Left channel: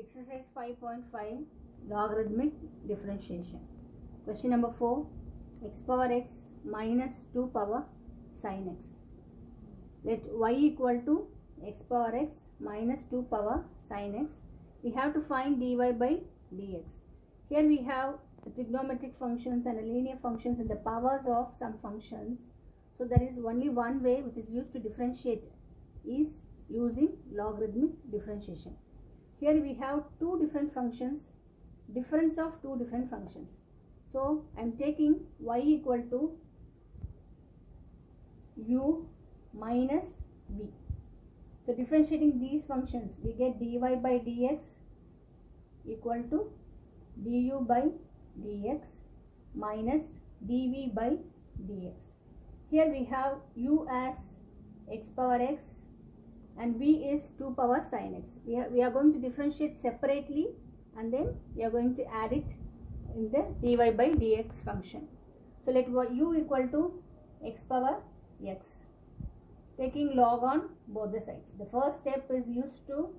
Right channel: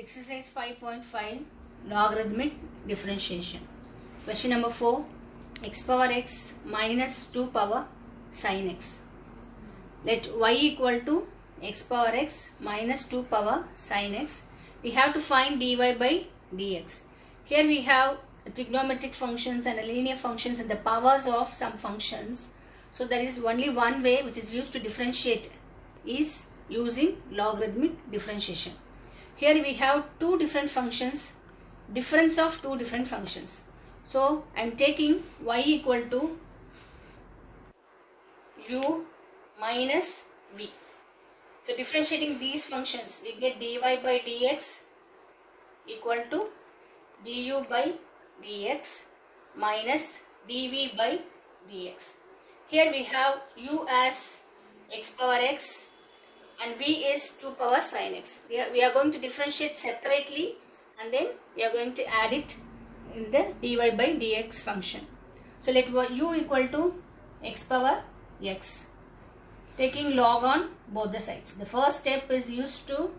Exercise 5.5 Logarithmic differentiation. Question number 4. X power x minus 2 power sin x. Let y equal to x power x minus 2 power sin x. We have to find dy by dx. Here we have trigonometric functions and linear functions and the powers of some functions. So there is only one way which is used to differentiate is using logarithmic differentiation. Here we have two different functions, difference of two different functions. So I am taking y equal to u minus v. So differentiating these functions, we get dy by dx equal to du by dx minus dv by dx. Here we have u as x power x and v is 2 power sin x. We are going to differentiate separately and then we are going to add it in the dy by dx function. So let u equal to x power x, taking log on both the sides. The first step is used to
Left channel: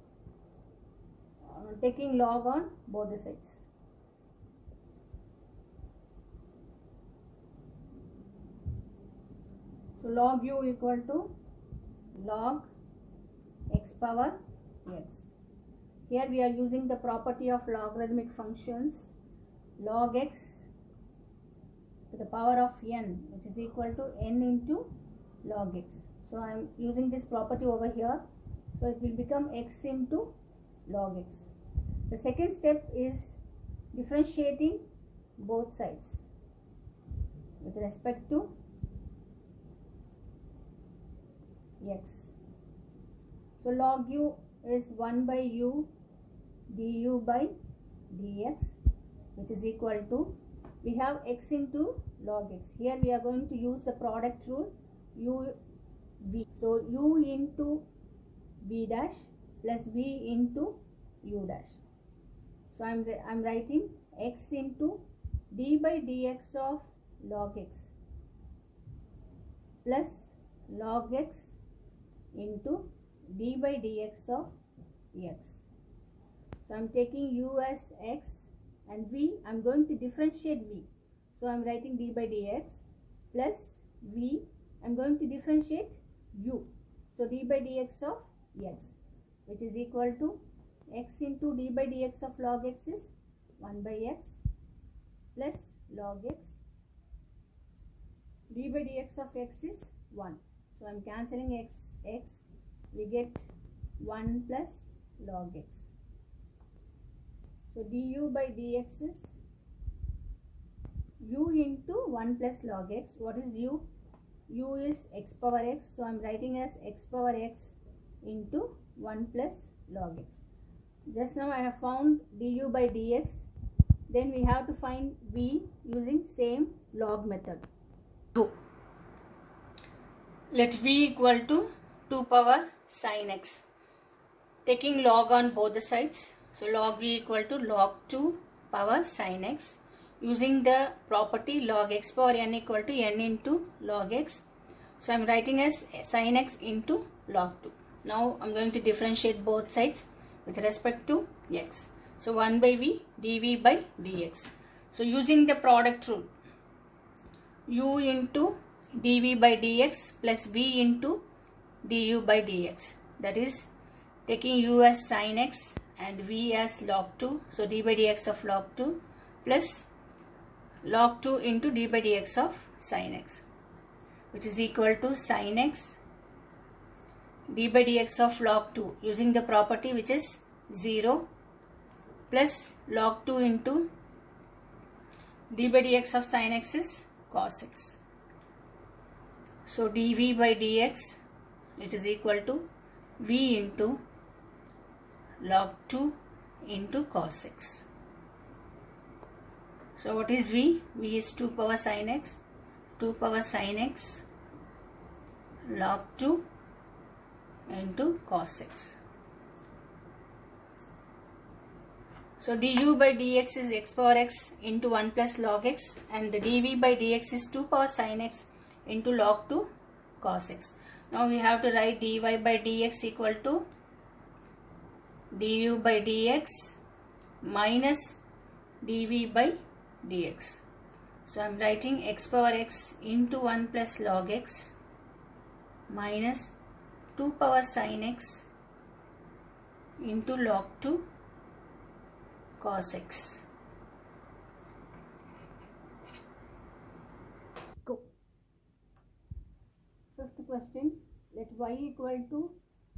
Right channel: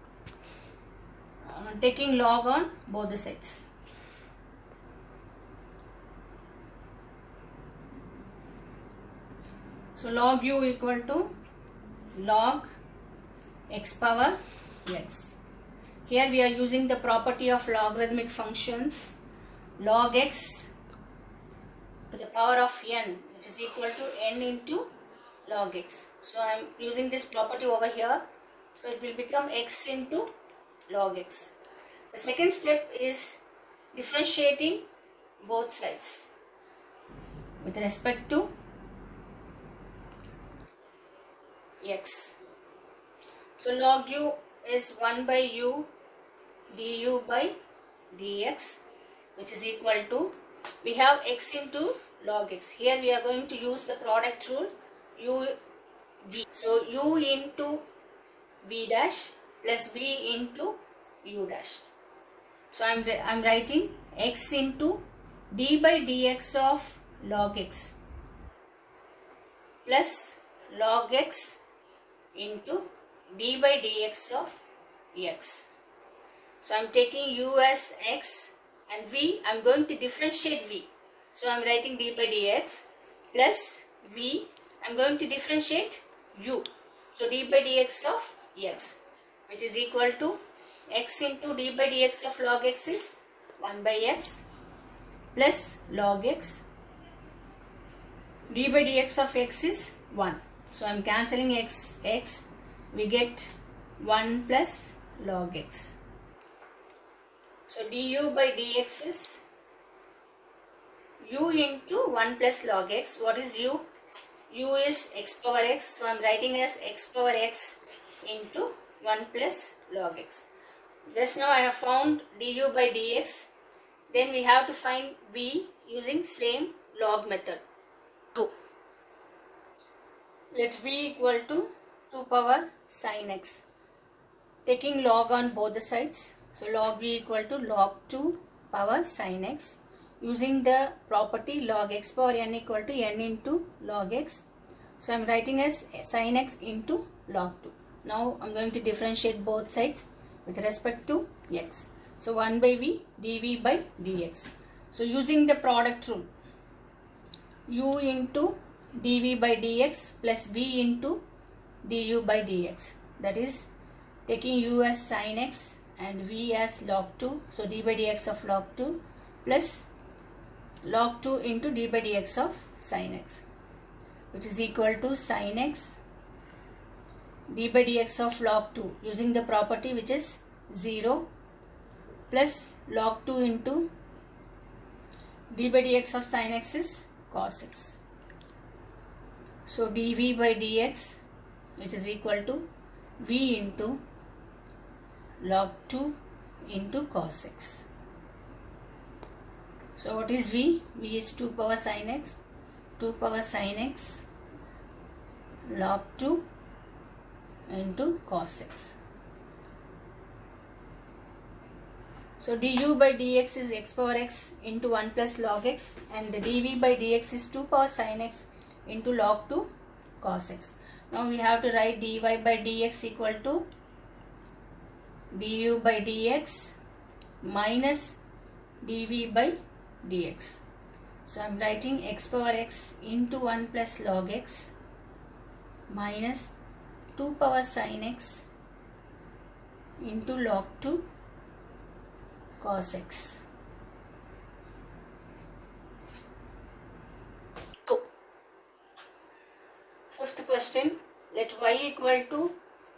taking log on both the sides. So log u equal to log x power x. Here we are using the property of logarithmic functions. Log x to the power of n, which is equal to n into log x. So I am using this property over here. So it will become x into log x. The second step is differentiating both sides with respect to x. So log u is 1 by u du by dx, which is equal to, we have x into log x. Here we are going to use the product rule u v. So u into v dash plus v into u dash. So I am writing x into d by dx of log x plus log x into d by dx of x. So I am taking u as x and v, I am going to differentiate v. So I am writing d by dx plus v, I am going to differentiate u. So d by dx of x, which is equal to x into d by dx of log x is 1 by x plus log x. D by dx of x is 1. So I am cancelling x, we get 1 plus log x. So du by dx is u into 1 plus log x. What is u? U is x power x. So I am writing as x power x into 1 plus log x. Just now I have found du by dx. Then we have to find v using same log method. Go. Let v equal to 2 power sin x. Taking log on both the sides. So log v equal to log 2 power sin x. Using the property log x power n equal to n into log x. So I am writing as sin x into log 2. Now I am going to differentiate both sides with respect to x. So 1 by v dv by dx. So using the product rule, u into dv by dx plus v into du by dx. That is taking u as sin x and v as log 2. So d by dx of log 2 plus log 2 into d by dx of sin x, which is equal to sin x d by dx of log 2 using the property which is 0 plus log 2 into d by dx of sin x is cos x. So dv by dx, which is equal to v into log 2 into cos x. So what is v? V is 2 power sin x, 2 power sin x log 2 into cos x. So du by dx is x power x into 1 plus log x and the dv by dx is 2 power sin x into log 2 cos x. Now we have to write dy by dx equal to du by dx minus dv by dx. So I am writing x power x into 1 plus log x minus 2 power sin x into log 2 cos x. Go. Fifth question. Let y equal to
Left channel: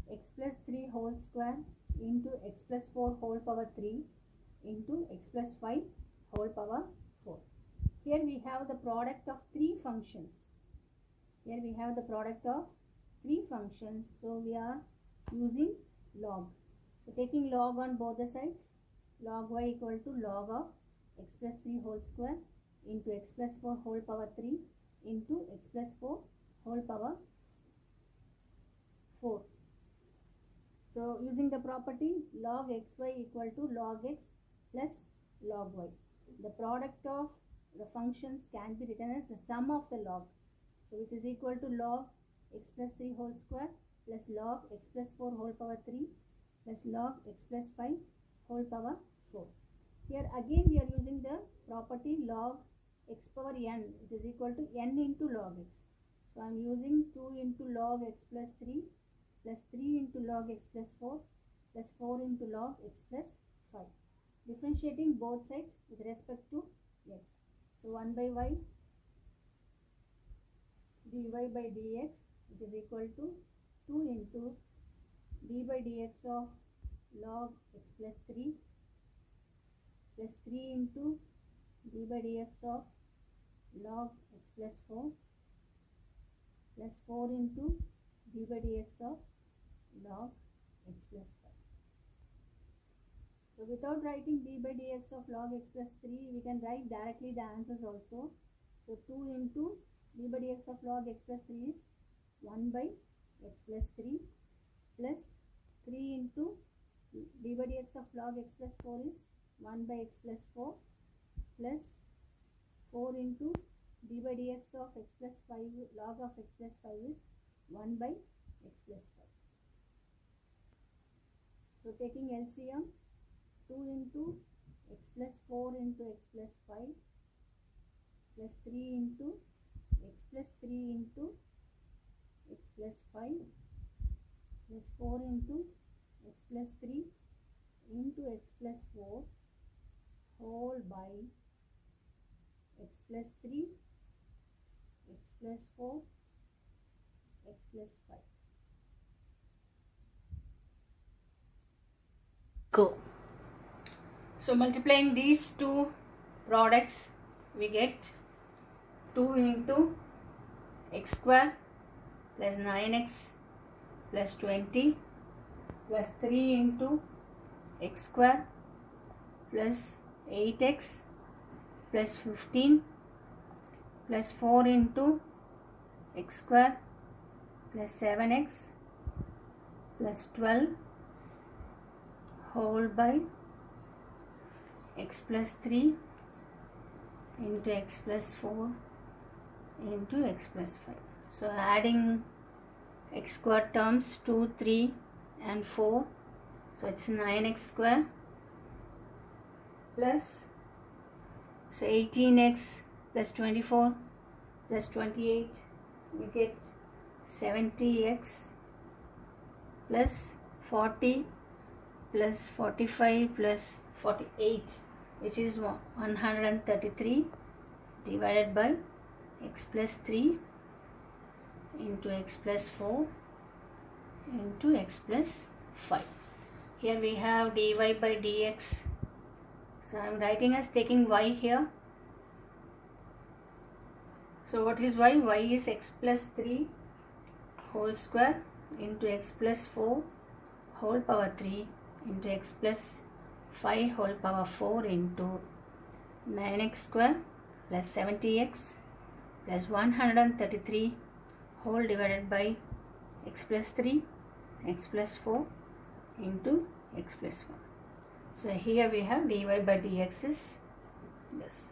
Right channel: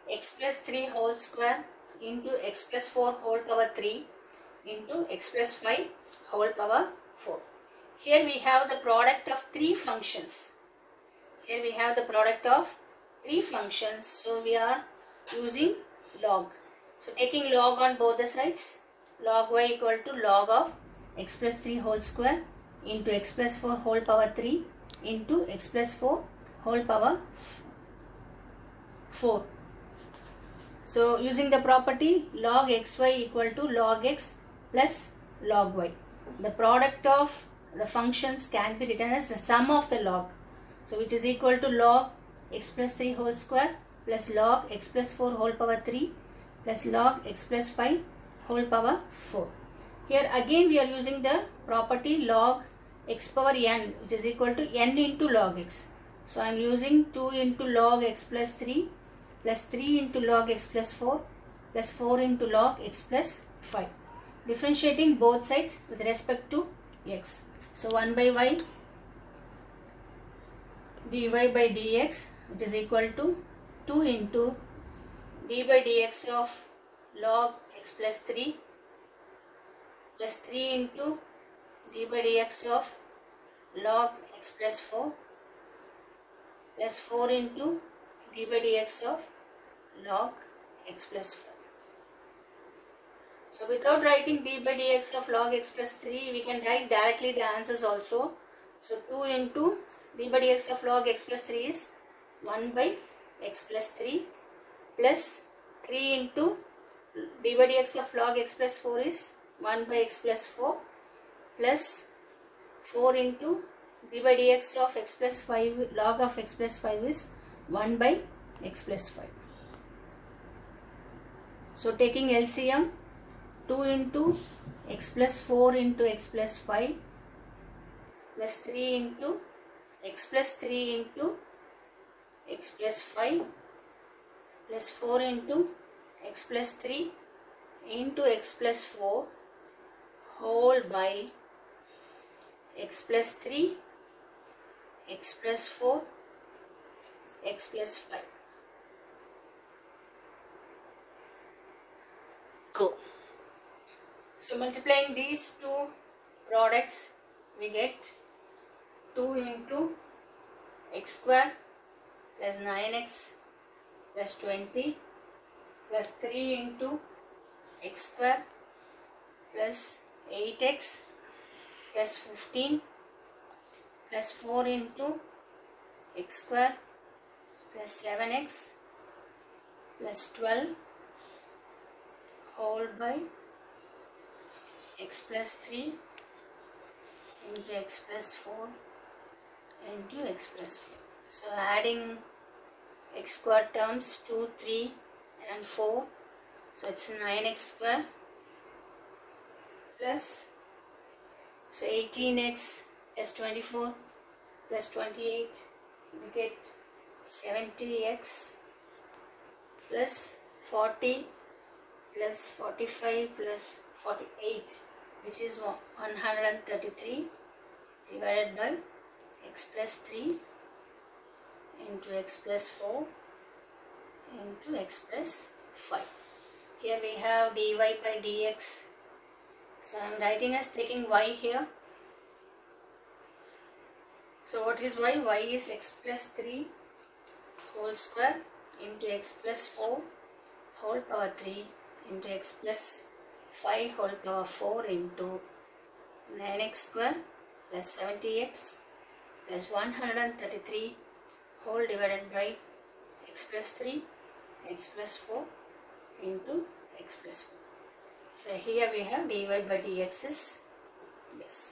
x plus 3 whole square into x plus 4 whole power 3 into x plus 5 whole power 4. Here we have the product of three functions. So we are using log. So taking log on both the sides, log y equal to log of x plus 3 whole square into x plus 4 whole power 3 into x plus 4 whole power 4. So using the property log xy equal to log x plus log y. The product of the functions can be written as the sum of the log. So which is equal to log x plus 3 whole square plus log x plus 4 whole power 3 plus log x plus 5 whole power 4. Here again we are using the property log x power n, which is equal to n into log x. So I am using 2 into log x plus 3 plus 3 into log x plus 4 plus 4 into log x plus 5. Differentiating both sides with respect to x. So 1 by y dy by dx, which is equal to 2 into d by dx of log x plus 3 plus 3 into d by dx of log x plus 4 plus 4 into d by dx of log x plus 5. So without writing d by dx of log x plus 3, we can write directly the answers also. So 2 into d by dx of log x plus 3 is 1 by x plus 3 plus 3 into d by dx of log x plus 4 is 1 by x plus 4 plus 4 into d by dx of x plus 5 log of x plus 5 is 1 by x plus 5. So taking LCM, 2 into x plus 4 into x plus 5 plus 3 into x plus 3 into x plus 5 plus 4 into x plus 3 into x plus 4 whole by x plus 3, x plus 4, x plus 5. Go. So multiplying these two products, we get 2 into x square plus 9x plus 20 plus 3 into x square plus 8x plus 15 plus 4 into x square plus 7x plus 12 whole by x plus 3 into x plus 4 into x plus 5. So adding x square terms 2, 3 and 4. So it's 9x square plus, so 18x plus 24 plus 28, we get 70x plus 40 plus 45 plus 48, which is 133 divided by x plus 3 into x plus 4 into x plus 5. Here we have dy by dx. So I am writing as taking y here. So what is y? Y is x plus 3 whole square into x plus 4 whole power 3 into x plus 5 whole power 4 into 9x square plus 70x plus 133 whole divided by x plus 3, x plus 4 into x plus 4. So here we have dy by dx is, yes.